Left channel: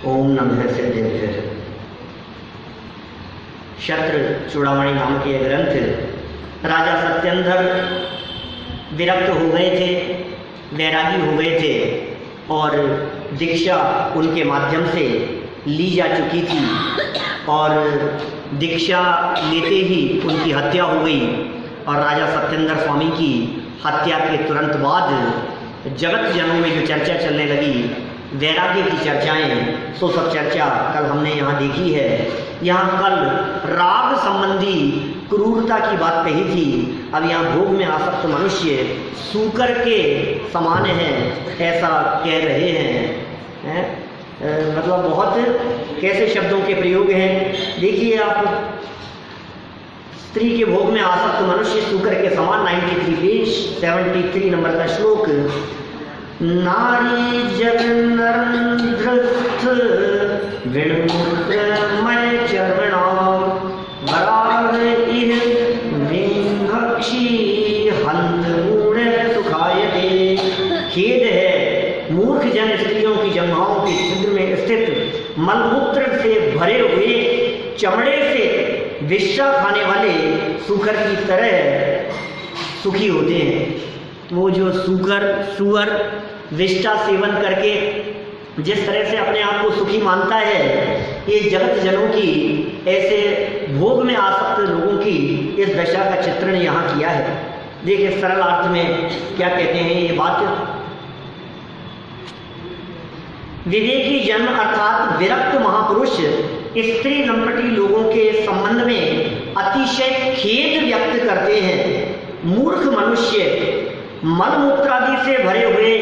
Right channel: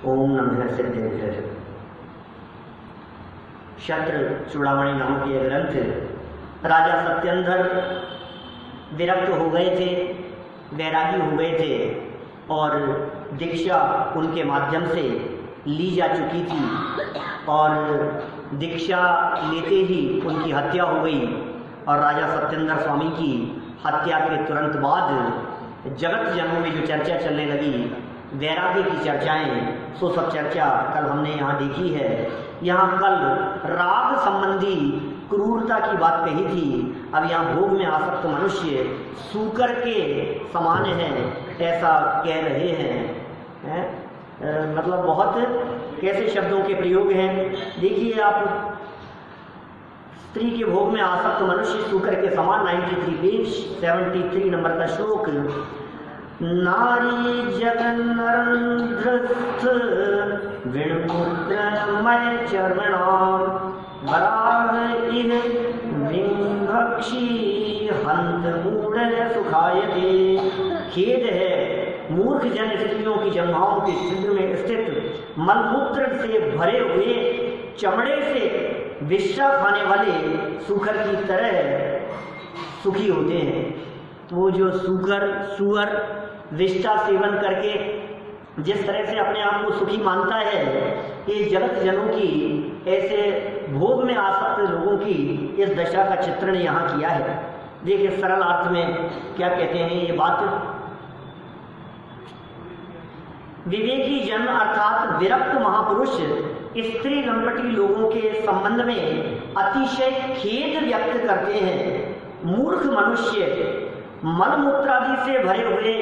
ओम नमः सिद्धेश्वर। शत्र चूड़ामणि नामक यह ग्रंथ राजा सत्येंद्र विरक्त हो गए थे, वैरागी हो गए थे और दीक्षा उनके माध्यम से ली जा चुकी थी और दीक्षा लेते ही उनकी हत्या हो गई। और राजा सत्येंद्र स्वामी की हत्या के तुरंत बाद जगत जनों में जो चर्चा चलने लगी, वैराग्य की चर्चाएं, सो सब चर्चा कल हमने यहाँ देखी है। यहाँ कल राग संबंधी क्रूरता की बात कही थी। अब यहाँ भोग में आसक्त मनुष्य सूकर के समान है ऐसा कह रहे हैं, मतलब बहुत कैसे शब्दों के प्रयोग हैं। देखिए आप, स्त्री के भोग में आसक्त मनुष्य सूकर के समान, 93 पेज 73 नंबर का श्लोक। नारी जगन्नरंध्रस्थ विणमुद्रमय चरणाम वराह इह विंभक्षी हंत मूढ़ सुखायते। खेद है मूर्ख जन स्त्रियों की जंघाओं के छिद्र में स्थित मलमूत्र से भरे हुए चमड़े से विष्ठा खाने वाले सूकर की तरह सुखी होते हैं। वो जो सुअर विष्ठा सेवन करके जिस तरह से अपने आप को सुखी मानता है, ये जगत जनों की, ऐसे भोग में आसक्त लोगों की इस दशा का चित्रण यहाँ किया है। देखिए सरल अर्थ में क्या कहते हैं ये बात। विवेकी जन अर्थात विरक्त महापुरुष स्त्री लंपटी लोगों के संबंध में अतिशय खेद व्यक्त करते हैं। मूर्ख मनुष्य मलमूत्रादि से भरे हुए,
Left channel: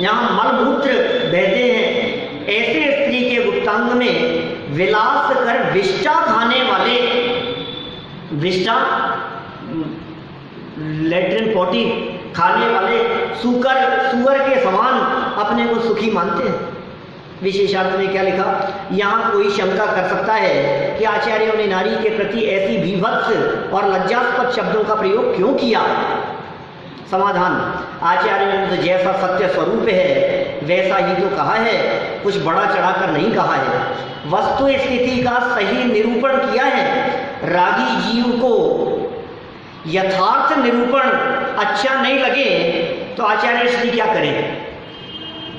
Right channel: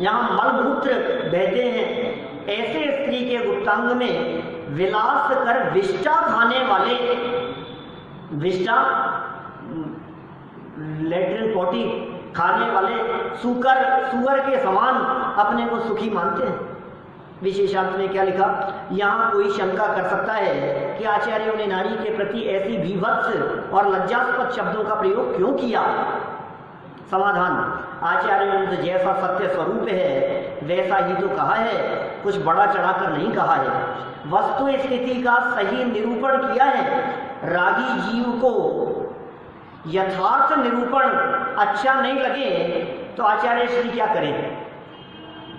यहाँ मलमूत्र बहते हैं, ऐसे स्त्री के गुप्तांग में विलास कर विष्ठा खाने वाले, विष्ठा लेट्रिन पॉटी खाने वाले सुअर के समान अपने को सुखी मानते हैं। विशेषार्थ में क्या लिखा, यहाँ कोई शंका कर सकता है कि आचार्यों ने नारी के प्रति ऐसी विभत्स और लज्जास्पद शब्दों का प्रयोग क्यों किया। समाधान, आचार्यों ने तो जैसा सत्य स्वरूप है वैसा ही तो कहा है, कुछ बड़ा चढ़ाकर नहीं कहा है। वस्तु स्थिति का सही निरूपण किया है। रागी जीव को यथार्थ निरूपण अच्छा नहीं लगे तो आचार्य श्री क्या करें।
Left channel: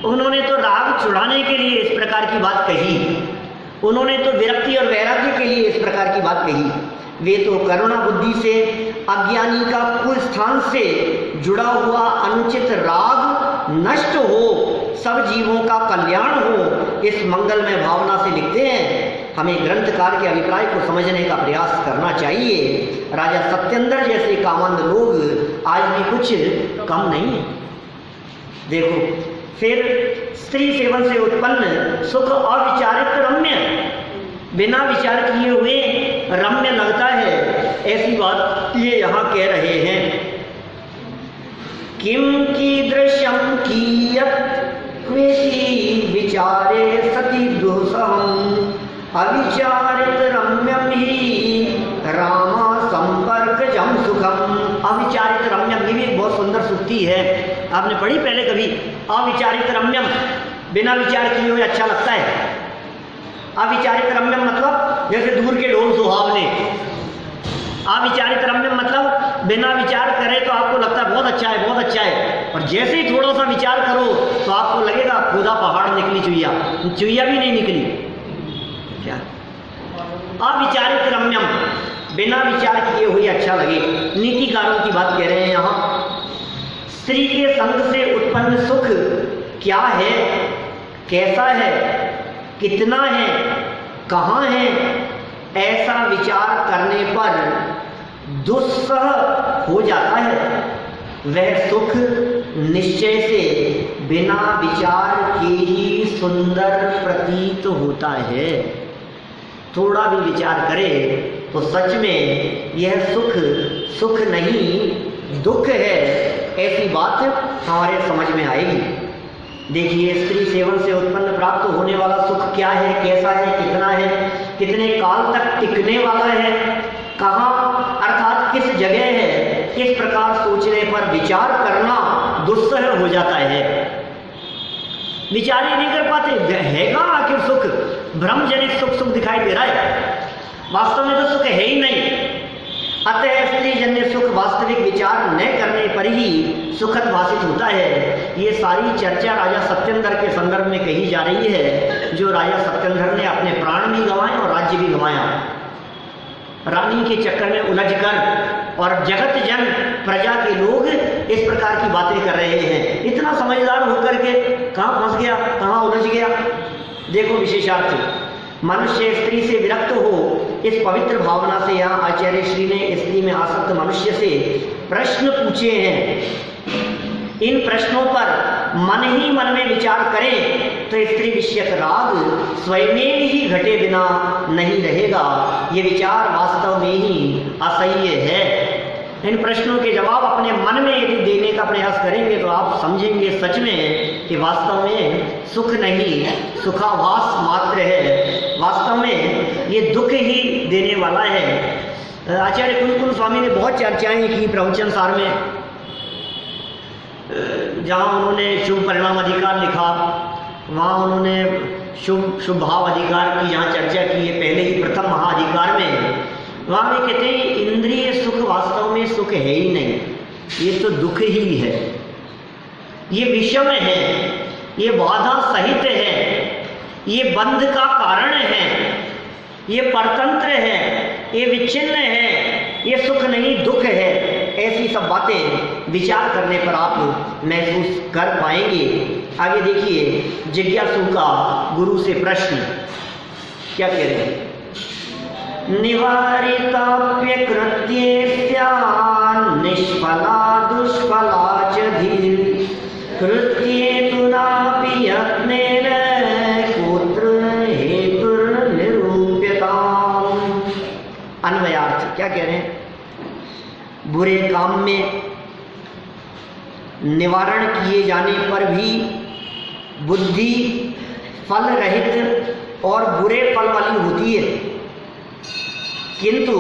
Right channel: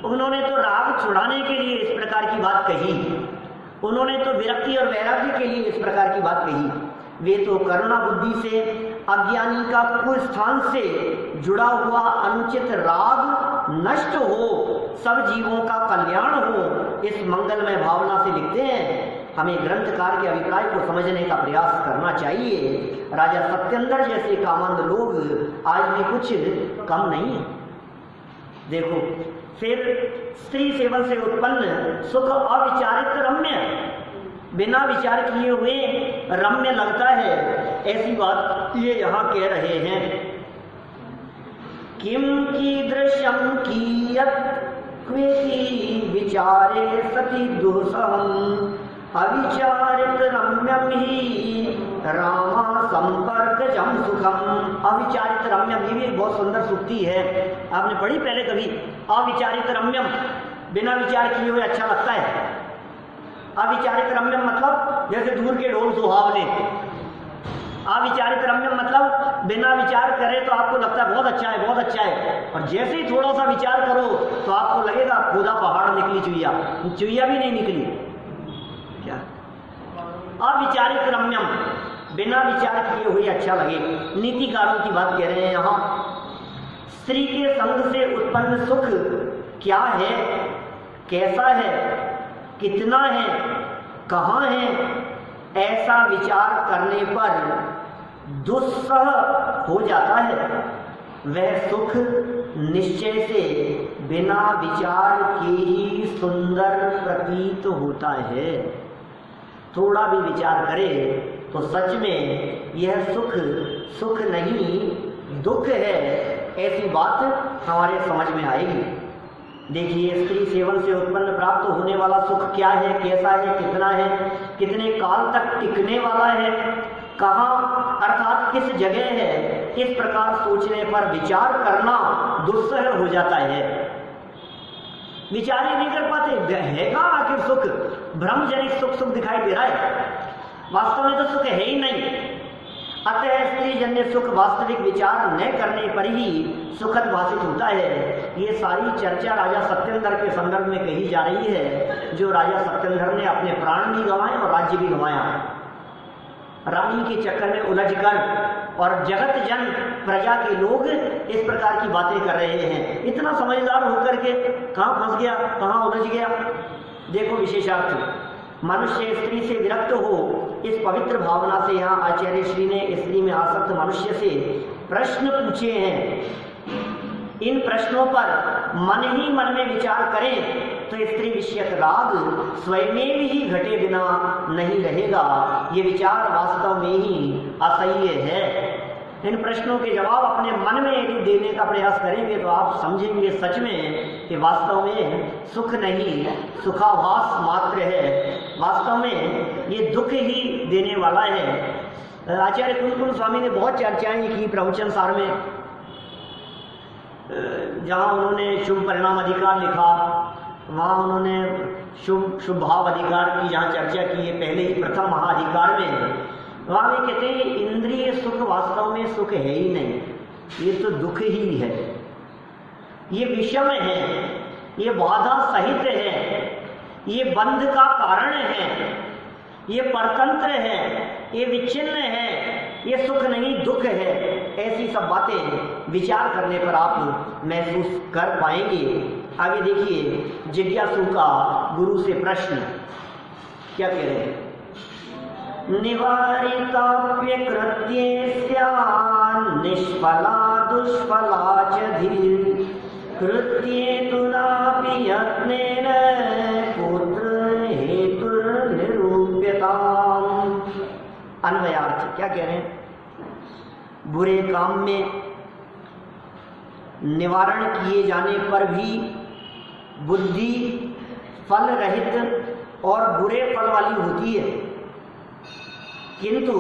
उन्होंने तो राग छुड़ाने के लिए इस प्रकार की बात कही, उन्होंने तो विरक्ति और वैराग्य के लिए इस प्रकार की बात कही। वे तो करुणा बुद्धि से अज्ञानी का कुल स्थान से जुड़ा हुआ अनुचित राग नष्ट हो, सब जीवों का कल्याण हो, इस मंगलमय भावना से लिखते हैं। हमें ग्रंथकार के अभिप्राय को समझने का प्रयास करना चाहिए। राजा सत्येंद्र जैसे कामंद लोग आज भी कुछ कम नहीं है। देखो फिर स्त्री सेवन से उत्पन्न सुख अविचारित रम्य, बिना विचार किए हुए रम्य लगता है, ऐसी बात ये यहाँ कह रहे हैं। किम कीदृशं कियत् क्वेति विचारे सति दुःसहम् अविचारित रम्यम ही रामा संपर्कजं सुखम। अविचारित रम्यम, ये भी एक बहुत सुंदर सूक्ति है, आपने पढ़ी पहले कभी। अविचारित रम्यम, बिना विचार किए हुए अच्छा लगता है। अविचारित रम्यम मतलब जैसे दूर के ढोल सुहावने। अविचारित रम्यम मतलब बिना विचार करे तो आपको लगता है बहुत अच्छा है, बहुत अच्छा है, और जैसे ही थोड़ा सा विचार करो तो आपको लगेगा खुदा पहाड़ निकली चुईया, चुईया भी नहीं निकली। क्या अविचारित रम्यम, बिना विचार किए हुए अच्छा लगे। नीतिकारों की बात कह रहे हैं यहाँ। स्त्री के संग से उत्पन्न सुख क्या है, कैसा है, कितना है, कहाँ है, ऐसा विचार करने पर दुस्सह हो जाता है। वह सुख निश्चय से बिना विचार के ही सुंदर प्रतीत होता है। थोड़ा भी विचार करे तो सच में यह सुख नहीं दुख है, ऐसी बात हमारे समझ में आएगी। देखिए स्त्री सेवन से उत्पन्न प्राप्त होने वाला सुख क्या है, कैसा है, कितना है, कितने काल तक टिकने वाला है, कहाँ अर्थात किस जगह है, इस प्रकार सोचने पर विचार करना दुस्सह हो जाता है। विचार ही नहीं कर पाते। हैगा आखिर सुख, भ्रमजनित सुख सुख दिखाई दे रहा है, वास्तव में तो सुख है ही नहीं। अतः स्त्री जन्य सुख वास्तविक विचार न करने पर ही सुखद भाषित होता है। ये सारी चर्चा राजा सत्येंद्र के संदर्भ में कही जा रही है, जो राजा सत्येंद्र ने अपने प्राण भी गंवाए और राज्य भी गंवाया, रानी के चक्कर में उलझकर, और जगत जन प्रजा के लोग इस प्रकार की बातें कर रहे हैं। इतना समझदार होकर के कहाँ फंस गया, कहाँ उलझ गया। देखो विशेषार्थ, मनुष्य स्त्री से विरक्त हो, इस पवित्र भावना से यहाँ आचार्य श्री ने स्त्री में आसक्त मनुष्य से प्रश्न पूछे हैं। इन प्रश्नों पर मन ही मन में विचार करें तो स्त्री विषयक राग स्वयं ही घटे बिना नहीं रहेगा। ये विचार वास्तव में ही असह्य है। इन प्रश्नों के जवाब अपने मन में यदि देने का प्रयास करेंगे तो आप समझेंगे सच में कि वास्तव में सुख नहीं, सुखाभास मात्र है। वास्तव में ये दुख ही देने वाला है। आचार्य कुलकुल स्वामी ने बहुत चर्चाएं की प्रवचन सार में, जहाँ उन्होंने शुभ परिणाम अधिकार लिखा, वहाँ उन्होंने शुभ भाव अधिकार की जहाँ चर्चा की है पहले ही प्रथम महाधिकार में, वहाँ में कहते हैं इंद्रिय सुख वास्तव में सुख है ही नहीं, ये तो दुख ही है, ये विषम है, ये बाधा सहित है, ये बंध का कारण है, ये परतंत्र है, ये विच्छिन्न है, ये सुख नहीं दुख है। ऐसी सब बातें विचार करने पर आप महसूस कर पाएंगे। आगे देखिए, जिज्ञासु का गुरु से प्रश्न क्या कह रहे हैं। निवारिताप्य कृत्येस्या निष्फला दुष्फला च धीर कृत्ये तु नापि यत्नेन कोत्र हेतुर्निरूप्यताम्। अन्वयार्थ क्या कह रहे हैं। बुरे काम में निवारण किए जाने पर भी बुद्धि फल रहित और बुरे फल वाली होती है, किंतु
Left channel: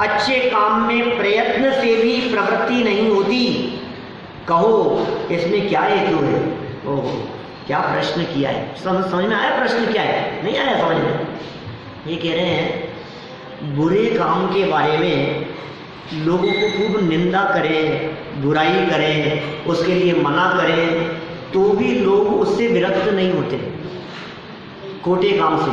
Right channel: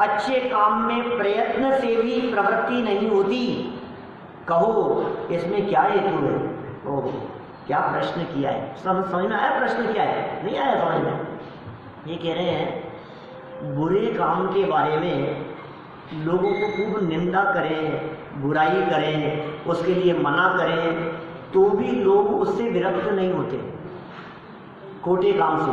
अच्छे काम में प्रयत्न से भी प्रवृत्ति नहीं होती। कहो इसमें क्या हेतु है। ओह, क्या प्रश्न किया है। समझ में आया प्रश्न क्या है? नहीं आया समझ में। ये कह रहे हैं बुरे काम के बारे में लोगों को खूब निंदा करें, बुराई करें, उसके लिए मना करें, तो भी लोग उससे विरक्त नहीं होते खोटे काम से।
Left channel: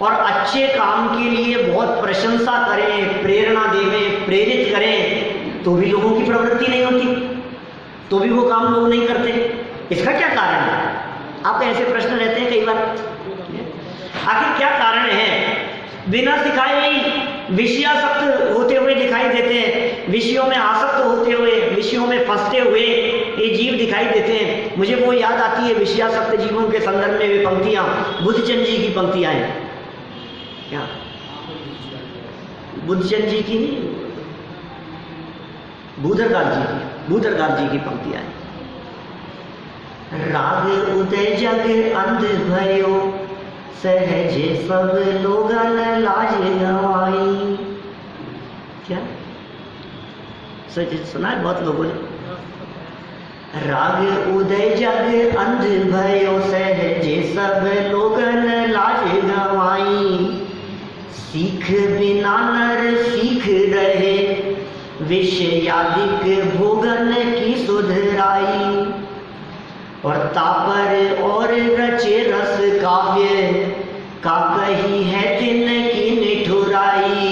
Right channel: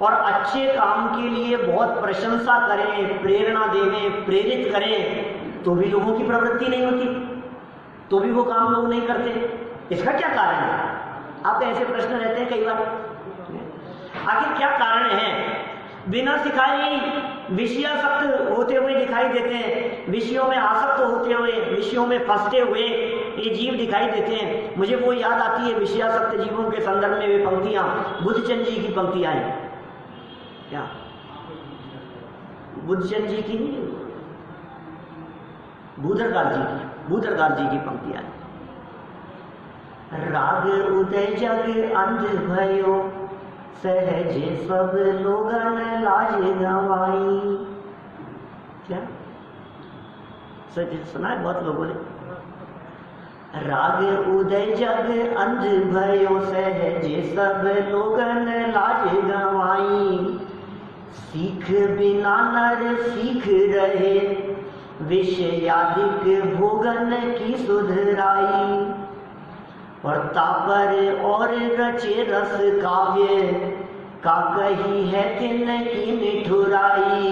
और अच्छे काम के लिए बहुत प्रशंसा करें, प्रेरणा देवें, प्रेरित करें, तो भी लोगों की प्रवृत्ति नहीं होती, तो भी वो काम लोग नहीं करते। इसका क्या कारण है? आपका ऐसे प्रश्न रहते हैं कई बार, आखिर क्या कारण है। बिना सिखाए ही विषयासक्त होते हुए दिखाई देते हैं, विषयों में आसक्त होते हुए, विषयों में फंसते हुए ये जीव दिखाई देते हैं। मुझे वो याद आती है विषयासक्त जीवों के संदर्भ में वे पंक्तियां, बुद्धचंद जी की पंक्तियां हैं। क्या बुद्धचंद जी की नहीं, भूधरदास जी की पंक्तियां हैं। राग उदय जग अंध भयो सहज सब लोगन लाज गवाई। क्या सच सुना है बहुत लोगों ने। राग उदय जग अंध भयो सहज सब लोगन लाज गवाई। सीख बिना नर सीख रहे विषयादिक भोगन की सुधराई। और तापर और रचे रस काव्य का कही है तिन की निठुराई।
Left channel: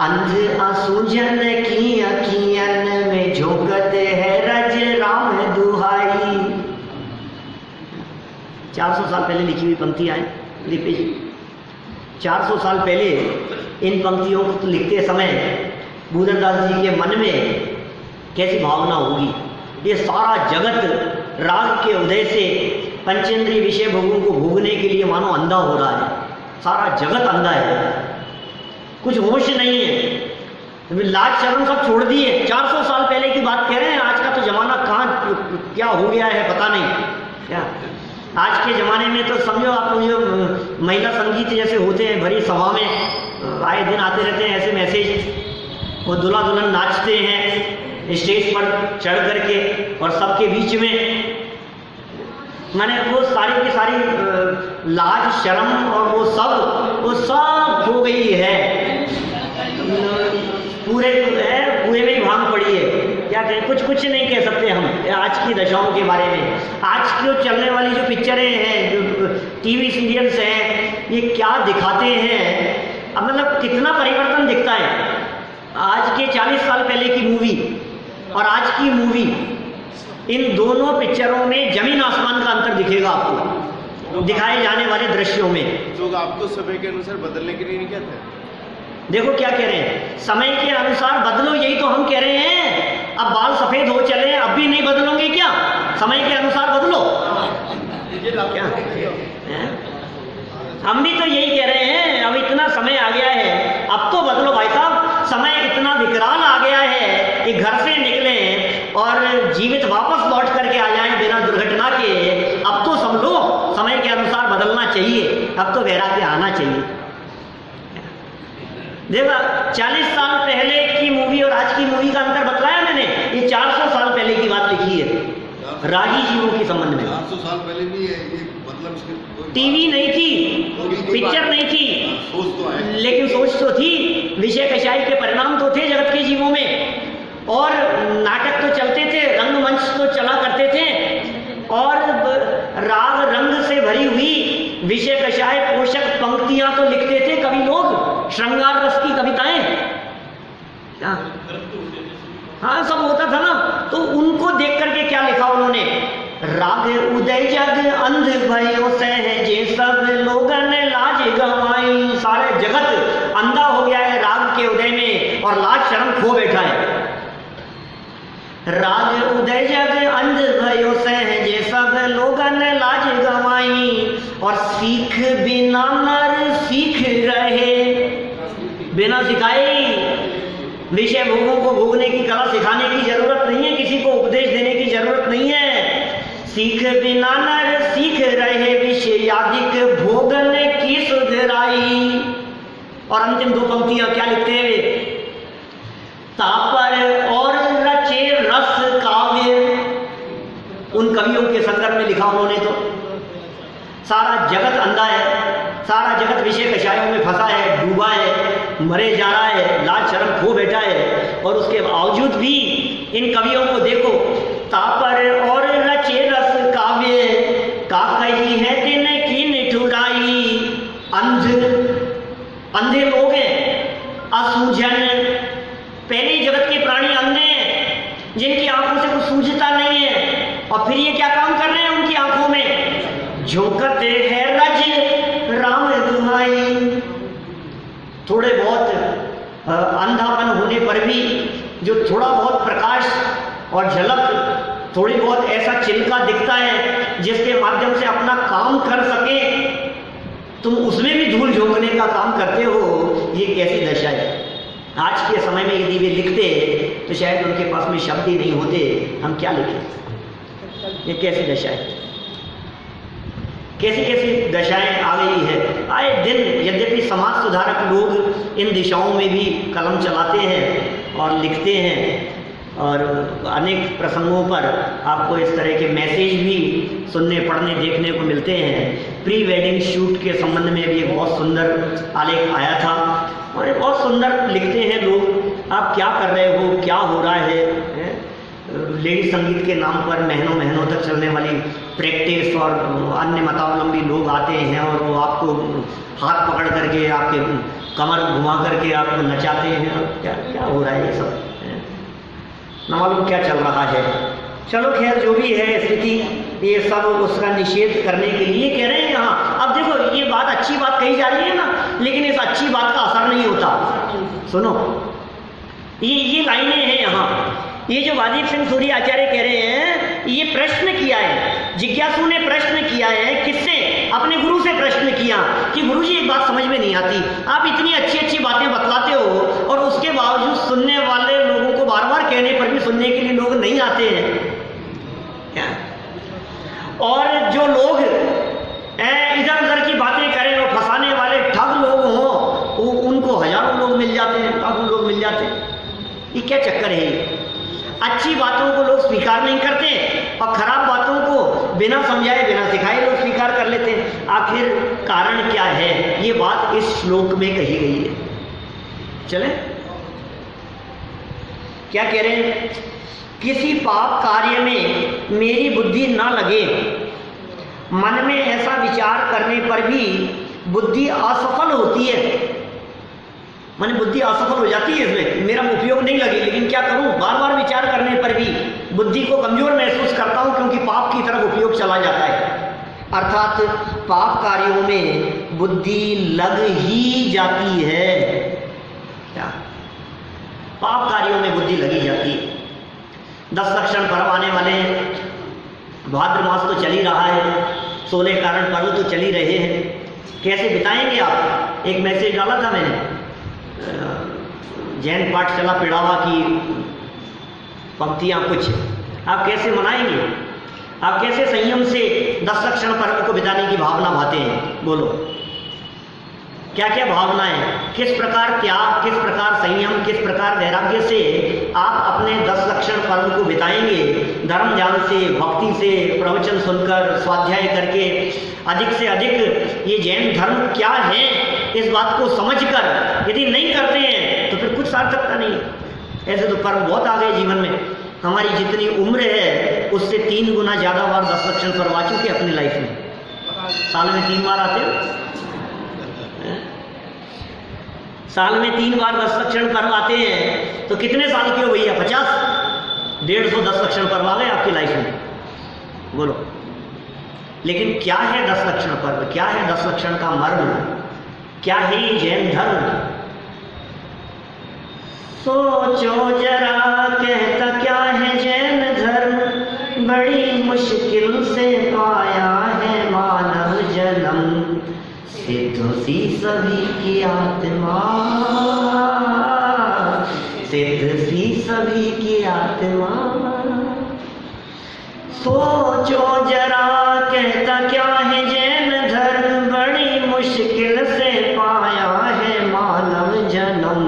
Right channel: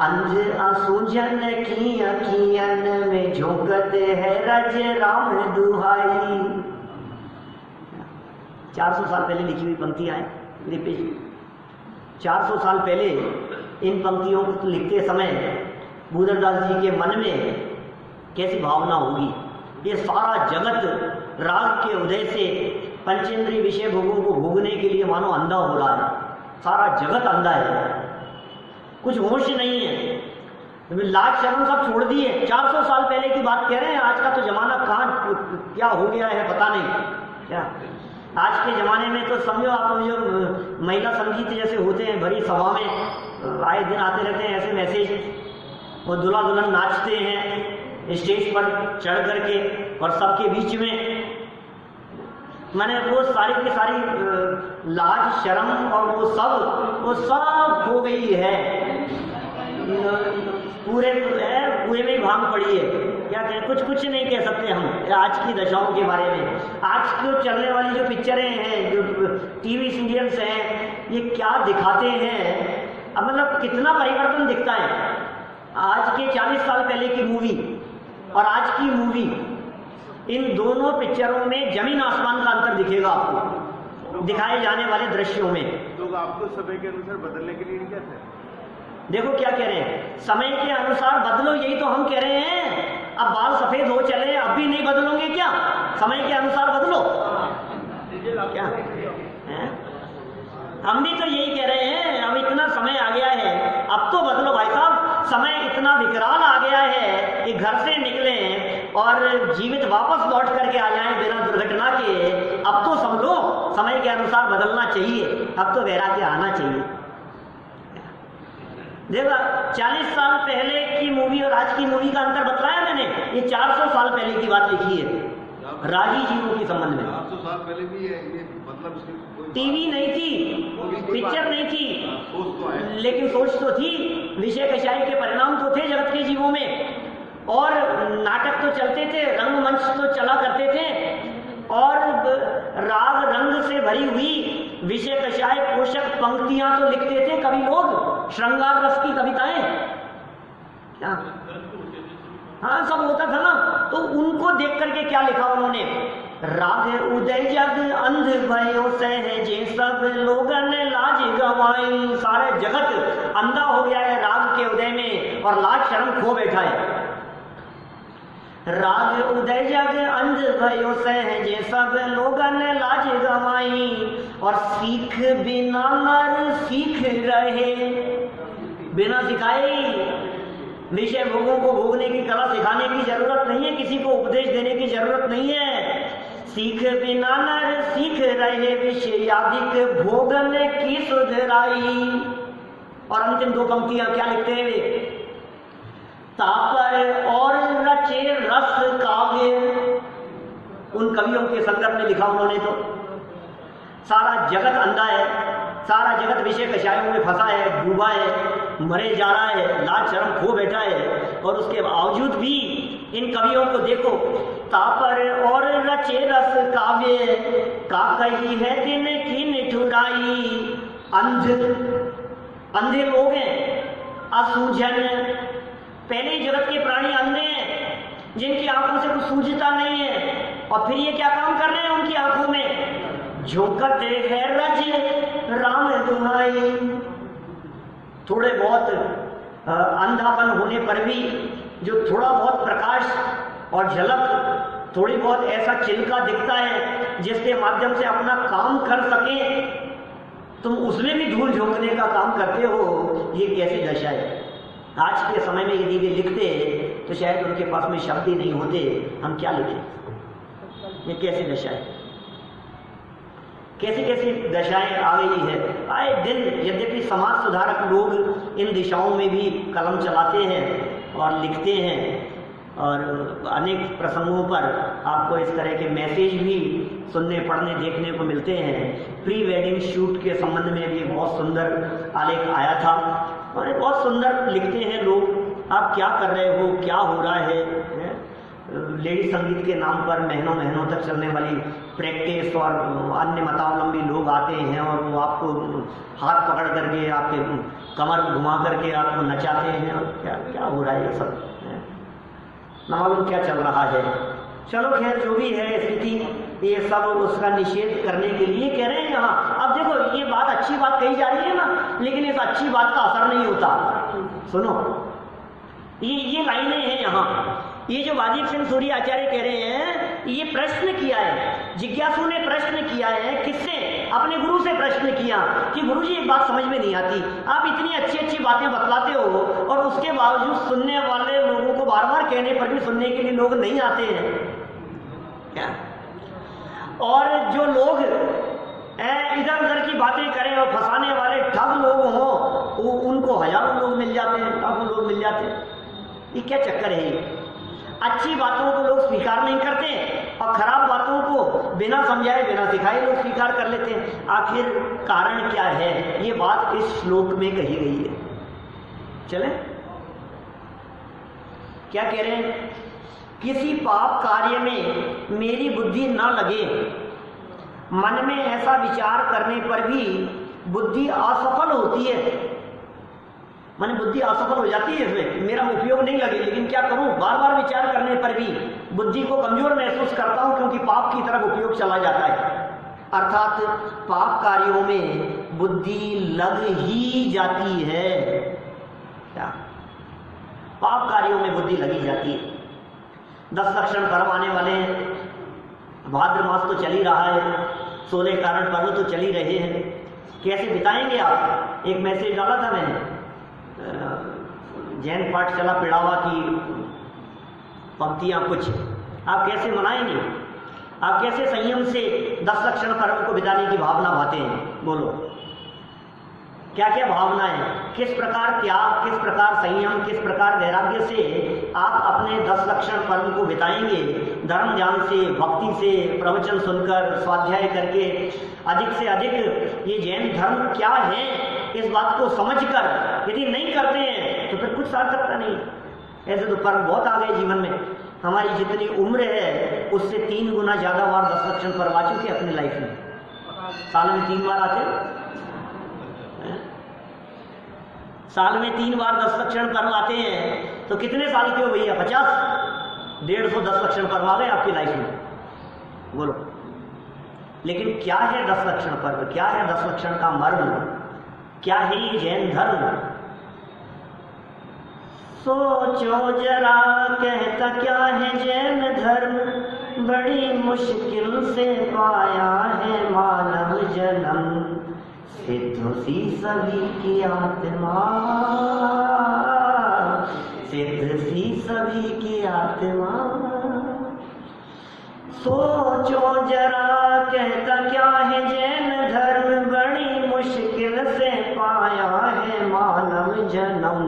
अंध आंसुजन की अखियन में झोंकत है रज राम दुहाई। 400 साल पहले लिखी हुई पंक्तियां हैं लिपि जी। 400 साल पहले इन पंक्तियों को लिखते समय भूधरदास जी के मन में कैसी भावना होगी। ये सारा जगत राग के उदय से पंचेंद्रिय विषय भोगों को भोगने के लिए मानो अंधा हो रहा है। सारा जगत अंधा है, कुछ होश नहीं है। लाज शर्म सब छोड़ दिए। 400 साल पहले की बात कह रहे हैं। आज का तो जमाना कहाँ क्या हो गया है पता नहीं। क्या आज के ज़माने में तो समझो आप, जो महिला संगीत जैसे होते हैं भरी सभा में आए दिन आते रहते हैं ऐसे मैसेज, वो दूल्हा दुल्हन नाचते हैं स्टेज पर चढ़ करके और सबके बीच में, मैंने वो सारी की सारी लाज शर्म और वो सब खो गई है, पूरे कुएं में ही भांग पड़ी है। क्या कहें, कुछ नहीं कह सकते हम आज की दशाओं के बारे में। आज की चलने वाली जो पिक्चरें हैं, जो टीवी सीरियल्स हैं, ये क्या दिखाते हैं। अब मतलब कितना परिवर्तन दिखता है आज के 40 साल पहले की मूवी और आज की मूवी। इन दोनों पिक्चरों में जमीन आसमान का अंतर दिखेगा आपको दिखाए जाने वाले दृश्यों में। तो आपको समय के अनुसार बदलने के लिए नहीं कहते? देखो क्या कह रहे हैं, समय के अनुसार बदलो, यही तो हम कह रहे हैं। अब बाल सफेद हो चले, अब भी नहीं बदलोगे क्या? समय के अनुसार बदलो क्या है? हम भी तो यही कह रहे हैं, अब इतना समय आ गया है, अब तो बदलो भाई साहब। समय इतना विकराल आ गया है कि घर से निकले और जीवित वापस लौट करके आ जाएं बिना दुर्घटना के। अब तो सब लोग समय के अनुसार बदलना चाहिए, अब तो वैराग्य आना चाहिए। देखा 40 साल पहले की मूवी और आज की मूवी का अंतर बतलाया मैंने। ये 400 साल पहले की बात लिखी है रागी जीवों के संबंध में। 400 साल पहले भी है ये, मतलब टीवी नहीं थी, पिक्चर नहीं थी, लेकिन सोच तो थी। विषय कषाय के परिणाम तो थे जगत के जीवों में, और नाटक तो चलते थे, रंगमंच तो चला करते थे, और राग रंग से भरी हुई विषय कषाय पोषक पंक्तियां तो लिखते थे कवि लोग, श्रृंगार रस की कविताएं। क्या हाँ सब होता था ना। तो उनको देख करके क्या लिखा उन्होंने, राग उदय जग अंध भयो सहजे सब लोगन लाज गवाई। सारे जगत अंधा हो गया है राग के उदय में और लाज शर्म खो बैठा है। राग उदय जग अंध भयो सहजे सब लोगन लाज गवाई, और सीख बिना नर सीख रहे। बिना सिखाए विषय भोगों को भोगने की कला सिखाने की जरूरत नहीं है, किसी को उपदेश देने की जरूरत नहीं है। सीख बिना नर सीख रहे विषयादिक भोगन की सुधराई। और अंतिम दो पंक्तियां क्या लिखते हैं वे, तापर और रचे रस काव्य। उन कवियों के संदर्भ में लिखा उन्होंने तो। सारा जगत अंधा है, सारा जगत विषय कषायों में फंसा है, डूबा है, मरे जा रहा है, लाज शर्म खो बैठा है, और उसके बावजूद भी इन कवियों को देखो, तापर और रचे रस काव्य का कही है दिन की निठुराई। अंधे लोग हैं, असूझन। पहले ही जगत के प्राणी अंधे हैं, जिनकी आंखों से कुछ सूझता नहीं है, और फिर ये क्या काम कर रहे हैं उनकी आंखों में, झोंकते है रज राम दुहाई। थोड़े बहुत अंधापन होने पर भी जो थोड़ा बहुत प्रकाश और झलक, थोड़ी बहुत ऐसा चिल्का दिखता है जिसके माध्यम से अपना काम कर सके, तुम उसमें भी धूल झोंकने का काम करते हो। ये कैसी दशा है। आज के समय में यदि वे लिखते तो शायद उनके पास में शब्द ही नहीं होते, हम क्या लिखें। ये कैसी दशा है, कैसी कैसी दशाएं आ गई है आए दिन। यद्यपि समाज सुधारक लोग इन दिशाओं में भी कलम चलाते हैं और लिखते हैं, और अनेक प्रसंगों पर आपको इस तरह के मैसेज भी सुनने पढ़ने देखने को मिलते हैं। प्री वेडिंग शूट के संबंध में भी एक बहुत सुंदर आलेख आया था, और बहुत सुंदर लिखते हैं लोग, आप क्या कर रहे हो, क्या हो रहा है। लेडी संगीत के नाम पर महीनों महीनों तक चलने वाली प्रैक्टिस, और अन्य मतावलंबी लोग आते हैं और वो आपको हाथ पकड़ करके आपके कमर घुमा करके आपको नचाते हैं, और क्या क्या हो रहा है ये सब, न मालूम क्या चल रहा है। चलो खैर जो भी है स्थिति, ये सब उसका निषेध करने के लिए कह रहे हैं यहाँ। अब देखो ये बात अच्छी बात कही जा रही है ना, लेकिन इस अच्छी बात का असर नहीं होता। सुनो ये लाइनें हैं यहाँ, ये जो वाजिब सिंह सूरी आचार्य कह रहे हैं, ये प्रश्न किया है, जिज्ञासु ने प्रश्न किया है। किससे? अपने गुरु से प्रश्न किया कि गुरुजी एक बात समझ में नहीं आती, आप इतनी अच्छी अच्छी बातें बतलाते हो और उसके बावजूद सुनने वाले लोगों को बार बार कहने पर भी सुनने के लिए लोग नहीं आते हैं क्या? और जो लोग इधर उधर की बातें करें और फंसाने वाले ठग लोग हों, उनको हजारों लोग मिल जाते हैं, लाखों लोग मिल जाते हैं। ये क्या चक्कर है? अच्छी बातों को लोग स्वीकार नहीं करते और खराब बातों को बिना समझाए बिना सिखाए लोग स्वीकार कर लेते हैं। आखिर कारण क्या है, ये बात इस श्लोक में कही गई है। चले क्या कह रहे हैं, किसी पाप कार्य में मेरी बुद्धि ना लगे, मन में ऐसा विचार करने पर भी बुद्धि असफल होती है। माने बुद्धि असफल हो जाती है, इसमें मेरा उपयोग नहीं लगे, लेकिन क्या करूं, बार बार विचार करने पर भी बुद्धि को कमजोर महसूस करता हूं, क्योंकि पाप की तरफ उपयोग चला जाता है। अर्थात पाप कार्यों में बुद्धि लग ही जाती है। क्या पाप कार्यों में बुद्धि लगी जाती है। 10 लक्षण पर्व आने वाले हैं, भाद्र मास तो चल ही रहा है, 16 कारण पर्व तो चल ही रहे हैं। कैसे बिताएंगे आप? एक मैसेज डाला था मैंने, जैन पाठशाला पिड़ावा की पंक्तियां कुछ, आप कैसे मनाएंगे? आप कैसे संयम से 10 लक्षण पर्व को बिताने की भावना भाते हैं? बोलो, क्या क्या भावनाएं, किस प्रकार त्याग, किस प्रकार संयम, किस प्रकार वैराग्य से आप अपने 10 लक्षण पर्व को बिताएंगे? धर्म ज्ञान से, भक्ति से, प्रवचन सुनकर, स्वाध्याय करके, अधिक से अधिक ये जैन धर्म क्या है इस बात को समझकर यदि नहीं करते हैं तो फिर कुछ सार्थकता नहीं है। ऐसे तो पर्व बहुत आ गए जीवन में, हमारी जितनी उम्र है उससे 3 गुना ज़्यादा बार 10 लक्षण पर्व आ चुके अपनी लाइफ में। साल में 3 बार आते हैं, साल में 3 बार 10 लक्षण पर्व आते हैं, तो कितने साल के हो भैया? 50, 150 10 लक्षण पर्व आ गए आपकी लाइफ में, बोलो। लेकिन क्या है 10 लक्षण पर्व, क्या है 10 लक्षण का मर्म, क्या है ये जैन धर्म? सोचो जरा, कहता क्या है जैन धर्म, बड़ी मुश्किल से पाया है मानव जन्म, सिद्ध सी सभी की आत्मा, सिद्ध सी सभी की आत्मा। सोचो जरा, कहता क्या है जैन धर्म, बड़ी मुश्किल से पाया है मानव जन्म।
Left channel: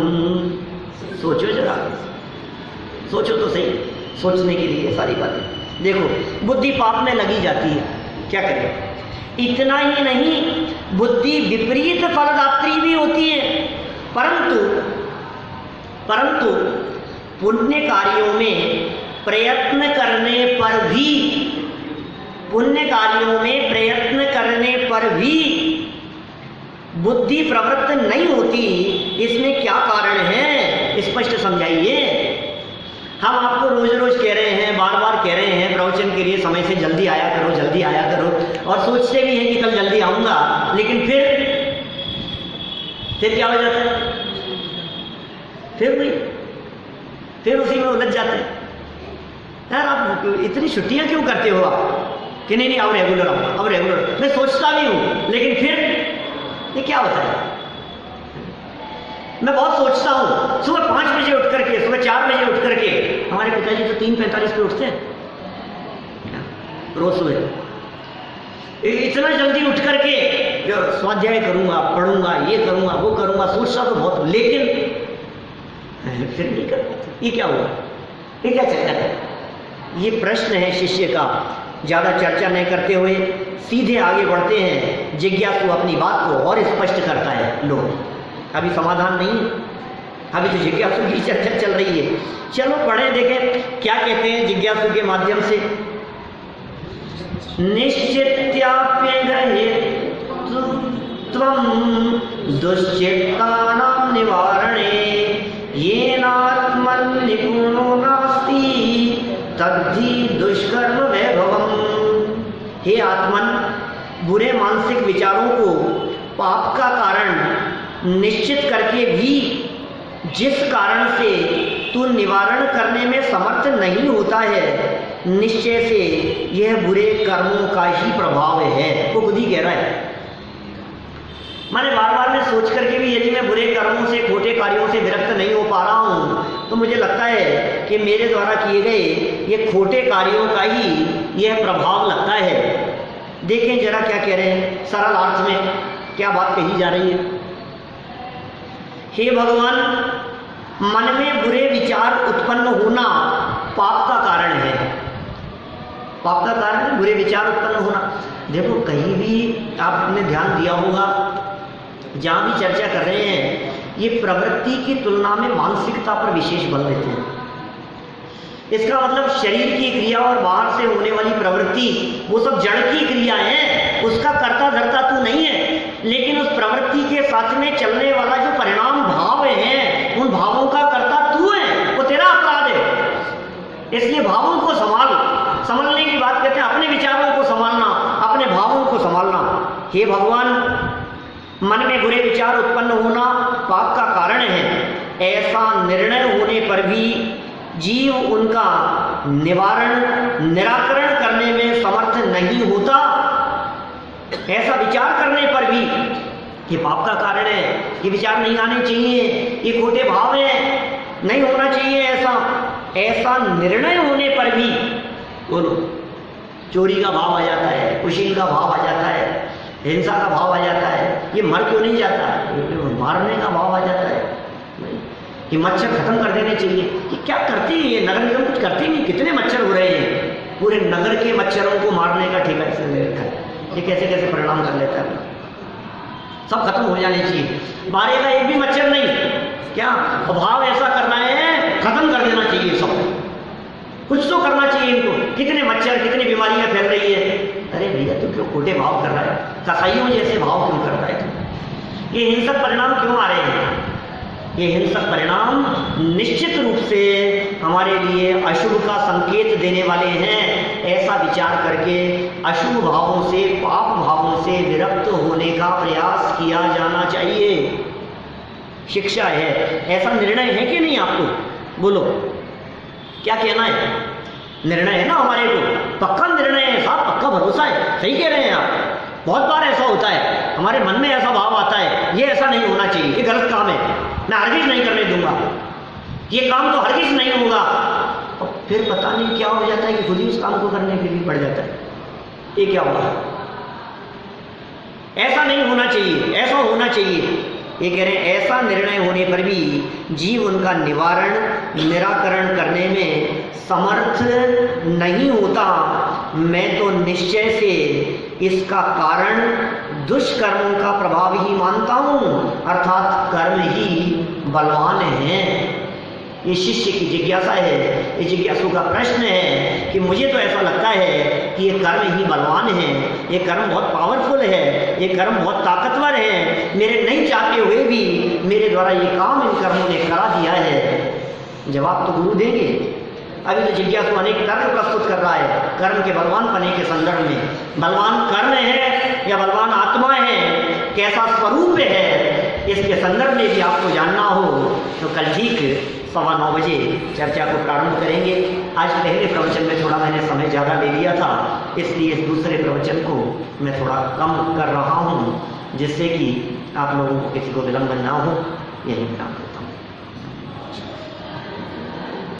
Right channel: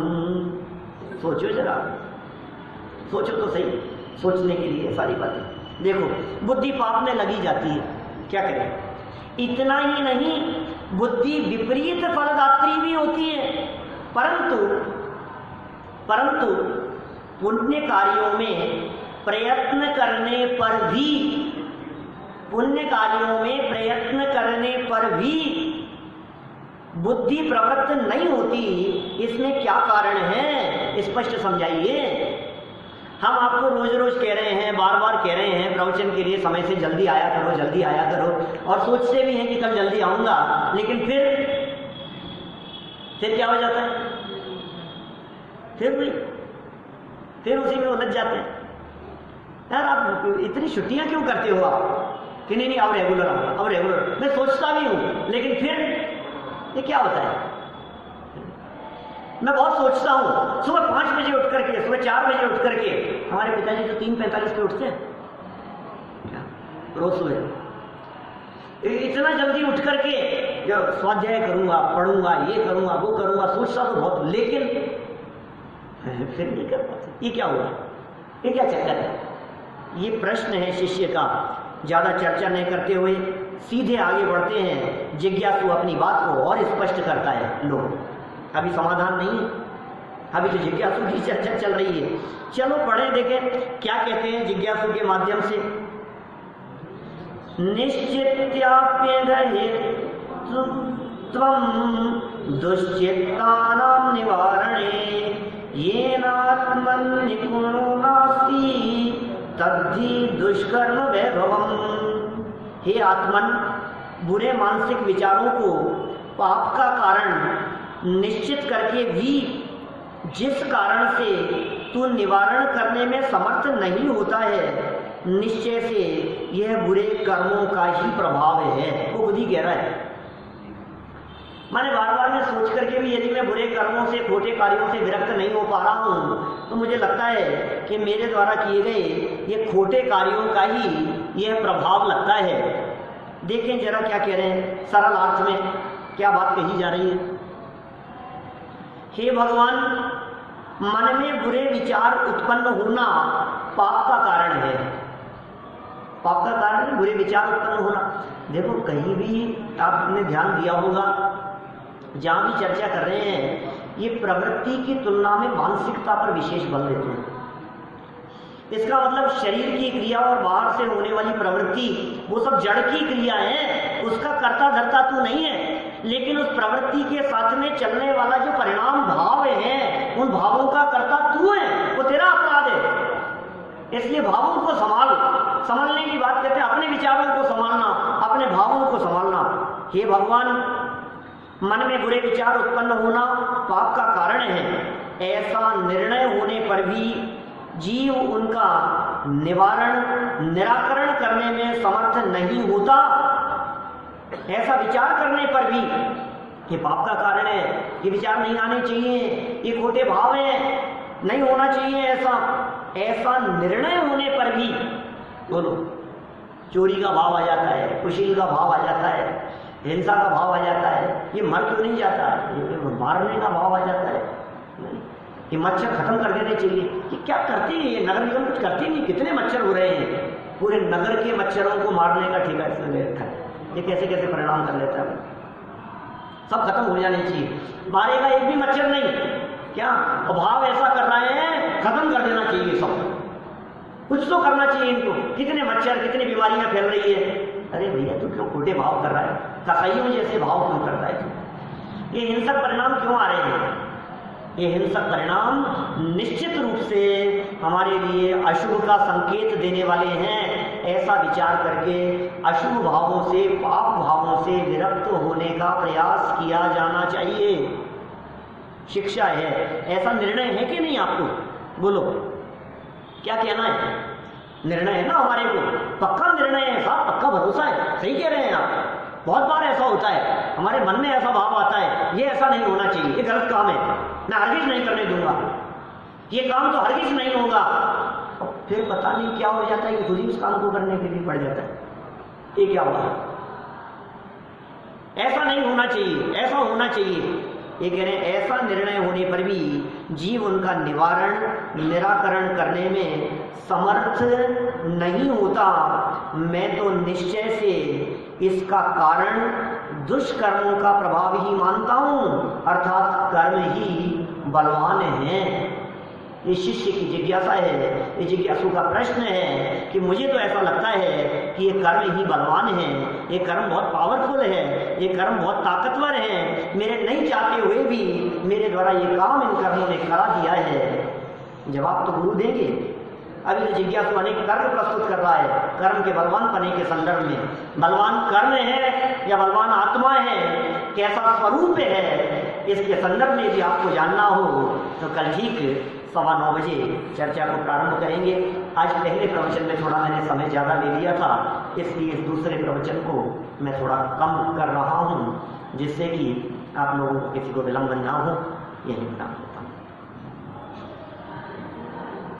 सोचो जरा, सोचो तो सही, सोचने के लिए सारी बातें। देखो बुद्धि पाप में लगी जाती है, क्या करें? इतना ही नहीं, बुद्धि विपरीत फलदात्री भी होती है। परंतु पुण्य कार्यों में प्रयत्न करने पर भी, पुण्य कार्यों में प्रयत्न करने पर भी बुद्धि प्रवृत्त नहीं होती। इसमें क्या कारण है, स्पष्ट समझाइए। हम आपको रोज रोज कह रहे हैं, बार बार कह रहे हैं प्रवचन के लिए समय से जल्दी आया करो, जल्दी आया करो, और सोचते भी हैं कि कल जल्दी आऊँगा, लेकिन फिर क्या हो जाता है? फिर उसी में उलझ जाते हैं। यार आप इतनी छुट्टियाँ क्यों करते हो आप? कि नहीं अब रेगुलर आऊँगा, अब रेगुलर। मैं सोचता भी हूँ, लेकिन फिर ये क्या होता है? मैं बहुत सोचता हूँ, सुबह 5 बजे उठ करके, सुबह 4 बजे उठ करके, हमारे पिताजी तो 3:45 पे उठते हैं रोज सुबह। इतना जल्दी उठ करके जो स्वाध्याय करूँगा, पढ़ूंगा, ये करूँगा, वो करूँगा, सोचता तो बहुत, लेकिन फिर नहीं कर पाते। ये क्या हुआ? ये क्या चक्कर है? ये प्रश्न है शिष्य का। ज़्यादा चर्चा नहीं करते हुए सीधे आगे बढ़ते हैं। जिज्ञासु अपनी बात को और स्पष्ट करता है। लो, अभी समाधान नहीं है, अभी तो जिज्ञासु की चर्चा चल रही है। चलो पढ़ें, देखें क्या कहते हैं जिज्ञासु के माध्यम से। निश्चित्याप्यग्रहे त्वं दुश्चित्तानां निवारणे येनात्मन् निपुणो नास्ति तद्धि दुष्कर्म वैभवम्। हे आत्मन, बुरे मानसिक विचारों को पाप का कारण निश्चित करके भी जिस कारण से तू निवारण करने में समर्थ नहीं होता है, निश्चय से यह बुरे कर्मों का ही प्रभाव है। वो खुद ही कह रहा है। मैंने बार बार मैं सोच करके भी यदि मैं बुरे कर्मों से, खोटे कार्यों से विरक्त नहीं हो पा रहा हूँ, तो मुझे लगता है कि मेरे द्वारा किए गए ये खोटे कार्यों का ही यह प्रभाव लगता है। देखें जरा क्या कह रहे हैं, सरल अर्थ में क्या बात कही जा रही है। हे भगवान, मन में बुरे विचार उत्पन्न होना पाप का कारण है। पाप का कारण है बुरे विचार उत्पन्न होना। देखो कहीं भी आपने ध्यान दिया होगा, जहाँ भी चर्चा कर रहे हैं, ये प्रवृत्ति की तुलना में मानसिकता पर विशेष बल देते हैं। इसका मतलब शरीर की क्रिया और बाहर से होने वाली प्रवृत्ति वो सब जड़ की क्रिया है, उसका कर्ता धर्ता तू नहीं है, लेकिन उस प्रवृत्ति के साथ में चलने वाला जो परिणाम भाव है, उन भावों का कर्ता तू है, वो तेरा अपराध है। इसलिए भावों को संभालने की बात कहते हैं, अपने विचारों को संभालना, अपने भावों को संभालना। हे भगवान, मन में बुरे विचार उत्पन्न होना पाप का कारण है, ऐसा निर्णय होने पर भी जीव उनका निराकरण करने में समर्थ नहीं होता। ऐसा विचार करने पर भी ये पाप का कारण है, ये विचार नहीं आने चाहिए, ये खोटे भाव है, नहीं होना चाहिए ऐसा निर्णय होने पर भी बोलो चोरी का भाव आ जाता है, कुशील का भाव आ जाता है, हिंसा का भाव आ जाता है। ये मर क्यों नहीं जाता? मारने का भाव आ जाता है। ये मच्छर खत्म कर देने चाहिए। ये क्या करती है? ये नगर निगम कुछ करती नहीं। कितने मच्छर हो रहे हैं, पूरे नगर के मच्छरों को मारने का ठेका इसने ले रखा है। ये कैसे कैसे परिणाम कर लेता है। सब खत्म हो जाने चाहिए, मारेगा एक भी मच्छर नहीं। क्या भाव ऐसा करना है, खत्म कर देना चाहिए सब, कुछ तो करना चाहिए इनको। कितने मच्छर, कितनी बीमारियां फैल रही है। अरे भैया तू क्यों खोटे भाव कर रहा है, कसाईयों जैसे भाव क्यों कर रहा है तू? ये हिंसक परिणाम क्यों आ रहे हैं? ये हिंसक परिणाम निश्चित रूप से हमारे लिए अशुभ का संकेत देने वाले हैं। ऐसा विचार करके अशुभ भावों से, पाप भावों से विरक्त होने का प्रयास किया जाना चाहिए। शिक्षा है, ऐसा निर्णय है कि नहीं आपको? बोलो क्या कहना है? निर्णय है ना हमारे को, पक्का निर्णय है साहब, पक्का भरोसा है। सही कह रहे हैं आप। बहुत बार ऐसा होता है, हमारे मन में ऐसा भाव आता है, ये ऐसा नहीं होना चाहिए, ये गलत काम है, मैं हरगिज नहीं करने दूंगा, ये काम तो हरगिज नहीं होगा। और फिर पता नहीं क्या हो जाता है कि खुद ही उस काम को करने के लिए पड़ जाता है। ये क्या होगा? ऐसा नहीं होना चाहिए, ऐसा होना चाहिए। ये कह रहे हैं ऐसा निर्णय होने पर भी जीव उनका निराकरण करने में समर्थ नहीं होता। मैं तो निश्चय से इसका कारण दुष्कर्मों का प्रभाव ही मानता हूँ, अर्थात कर्म ही बलवान है। ये शिष्य की जिज्ञासा है, ये जिज्ञासु का प्रश्न है कि मुझे तो ऐसा लगता है कि ये कर्म ही बलवान है, ये कर्म बहुत पावरफुल है, ये कर्म बहुत ताकतवर है, मेरे नहीं चाहते हुए भी मेरे द्वारा ये काम इन कर्मों ने करा दिया है। जवाब तो गुरु देंगे। अभी तो जिज्ञासु अनेक तर्क प्रस्तुत कर रहा है कर्म के बलवान पने के संदर्भ में। बलवान कर्म है या बलवान आत्मा है, कैसा स्वरूप है, इसके संदर्भ में भी आपको जानना हो तो कल ठीक 9:15 बजे चर्चा को प्रारंभ करेंगे। आज पहले प्रवचन में थोड़ा मैंने समय ज़्यादा ले लिया था, इसलिए इस दूसरे प्रवचन को मैं थोड़ा कम कर रहा हूँ, जिससे कि आप लोगों को किसी को विलंब ना हो। यही काम।